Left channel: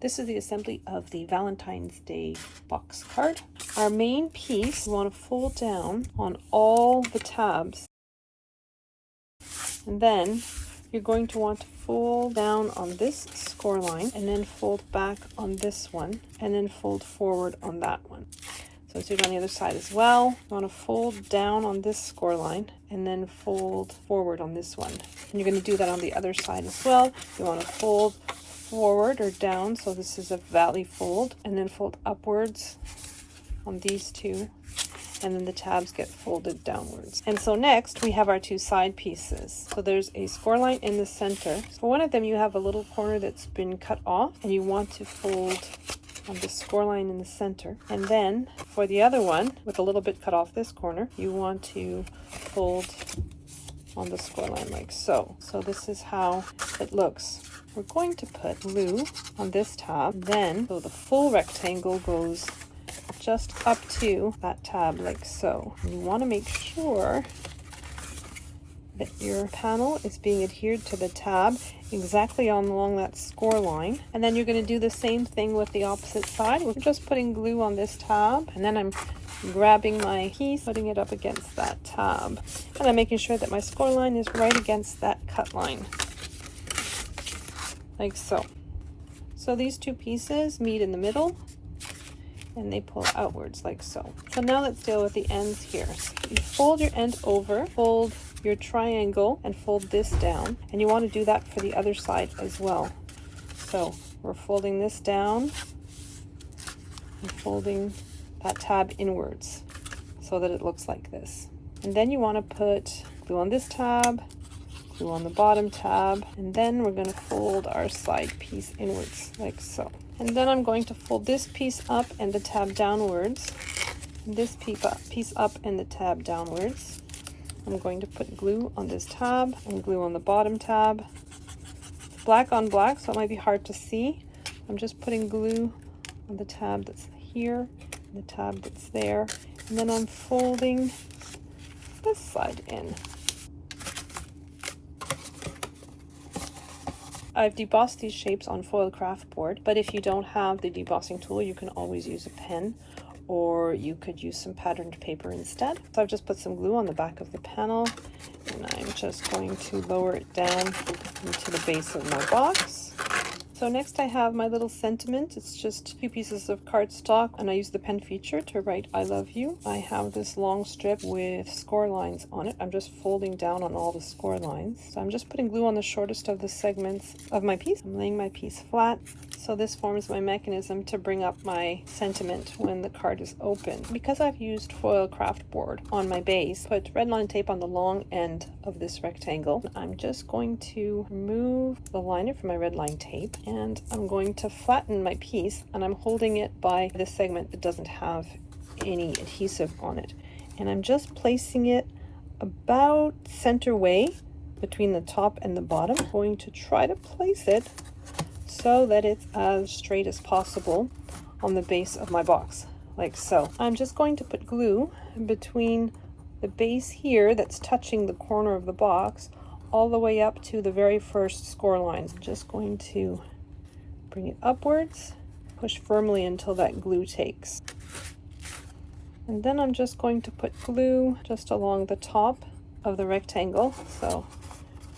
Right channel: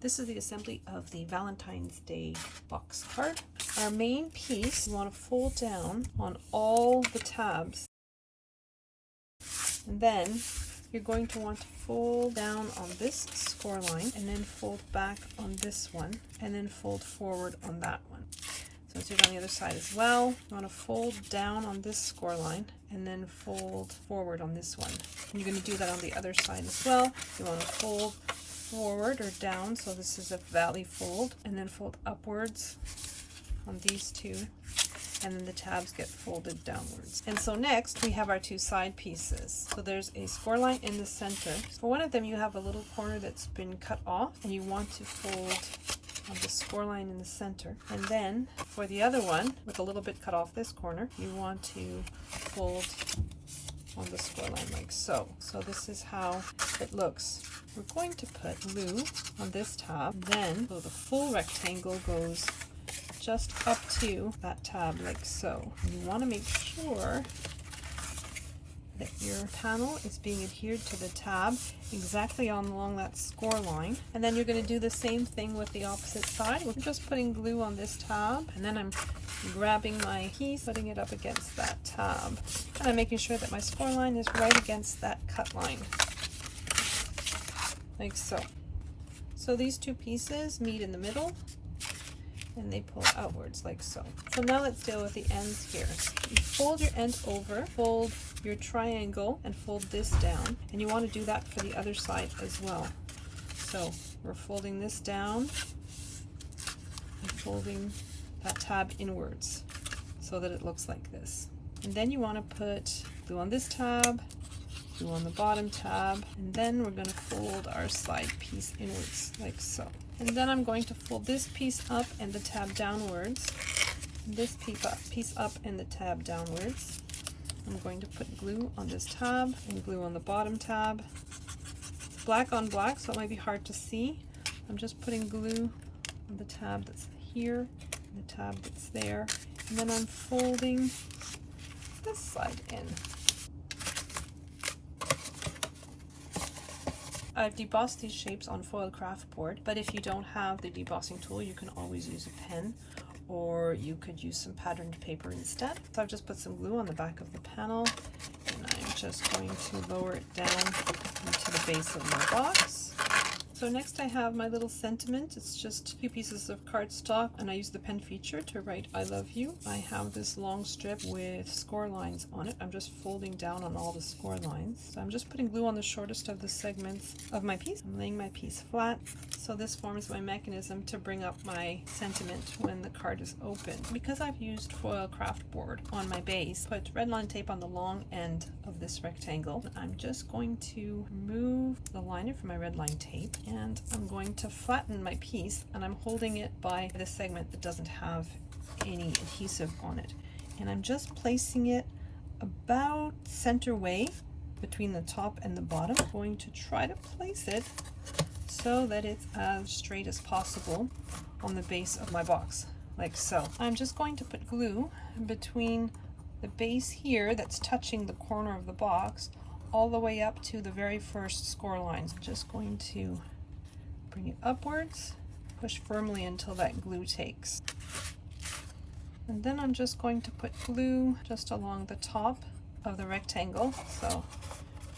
This is the assembly of the Valentine's Day box card. Our main piece, you want to fold down on all the tabs. And then you're going to want to fold down on this score line and then fold back on this one and then fold forward on that one. So do it on the other side as well. You want to fold down on this score line and then fold forward on this one. And you're going to do that on the other side as well. You want to fold forward or down, so this is a valley fold, and then fold upwards on these two, and then the tabs get folded downwards. And so next we have our two side pieces. So there's a score line in the center. So one of them you have a little corner that's been cut off and you want to fold on the score line in the center. And then for the other one, with a little bit cut off this corner, you want to fold on the score line like so. So this is how it looks. We're going to put glue on this tab, then so the full rectangle goes just up to that tab like so. You want to make sure that your panel is being adhered to the tab exactly along that score line. And then you're going to do the same thing with the opposite side. We're just putting glue on this tab, and then I'm grabbing my piece, putting it up against that tab, and I'm making sure that my score line is right against that cut line like so. So these two pieces meet in the middle and they pull outwards like so. So now let's deal with the ends here. You fold your end over, fold your triangle, and fold this down, and you want to do that for the other side as well. So we're folding this down and folding that tab inwards so that it looks like this. And then you want to put glue on this tab, glue on the bottom tab, and then we're going to fold our side piece inwards like so. And then I'm going to fold this piece up and the tab downwards, and this piece up and the tab downwards. I'm going to put glue on this tab and glue on the bottom tab. It's black on black, so it might be hard to see. I'm just putting glue on the tab that's here, and the tab that's there, and then I'm folding this side in. I've debossed these shapes on foil craft board, but if you don't have the debossing tool, you can always use a pen, or you could use some patterned paper instead. So I've just put some glue on the back of the panel, and I'm just going to lower it down into the base of my box. So next I have my little sentiment. It's just 2 pieces of cardstock, and I use the pen feature to write I love you. I have this long strip with score lines on it. I'm just folding down on all the score lines. So I'm just putting glue on the shortest of the segments of my piece. I'm laying my piece flat. So this forms my mechanism to bring up my sentiment when the card is open. Because I've used foil craft board on my base, put red line tape on the long end of this rectangle. I'm just going to remove the liner from my red line tape, and I'm going to flatten my piece, and I'm holding it by the segment that doesn't have any adhesive on it. And I'm just placing it about center way between the top and the bottom. I'm going to try to place it so that it's as straight as possible on the base of my box, like so. I'm just going to put glue between the base here that's touching the corner of the box all the way up to the very first score lines. I'm just going to bring it upwards, push firmly until that glue takes. And then I'm just going to put glue just along the top of the rectangle so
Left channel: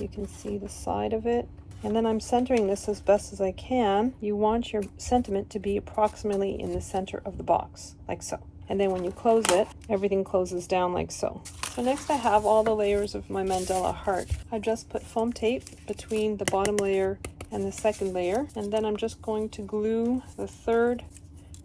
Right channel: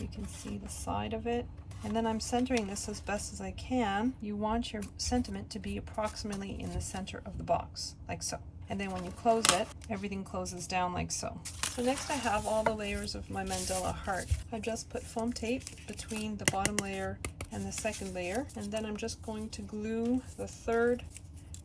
you can see the side of it. And then I'm centering this as best as I can. You want your sentiment to be approximately in the center of the box, like so. And then when you close it, everything closes down like so. So next I have all the layers of my mandala heart. I just put foam tape between the bottom layer and the second layer, and then I'm just going to glue the third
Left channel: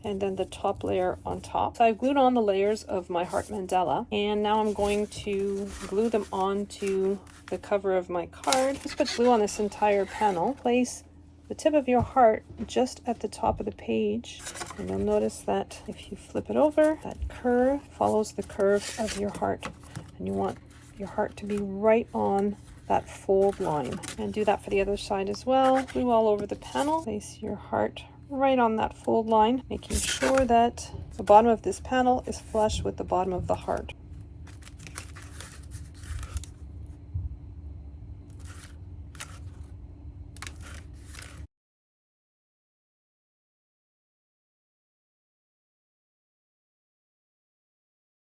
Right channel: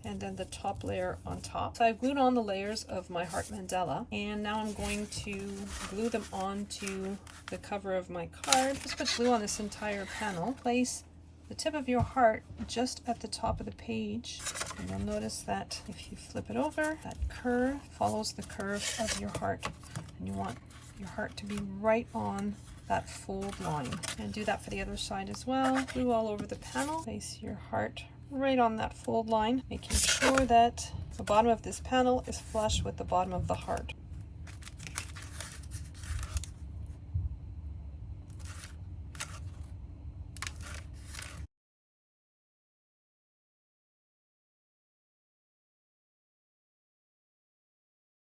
and then the top layer on top. So I've glued on the layers of my heart mandala, and now I'm going to glue them onto the cover of my card. Just put glue on this entire panel. Place the tip of your heart just at the top of the page, and you'll notice that if you flip it over, that curve follows the curve of your heart, and you want your heart to be right on that fold line. And do that for the other side as well. Glue all over the panel. Place your heart right on that fold line, making sure that the bottom of this panel is flush with the bottom of the heart.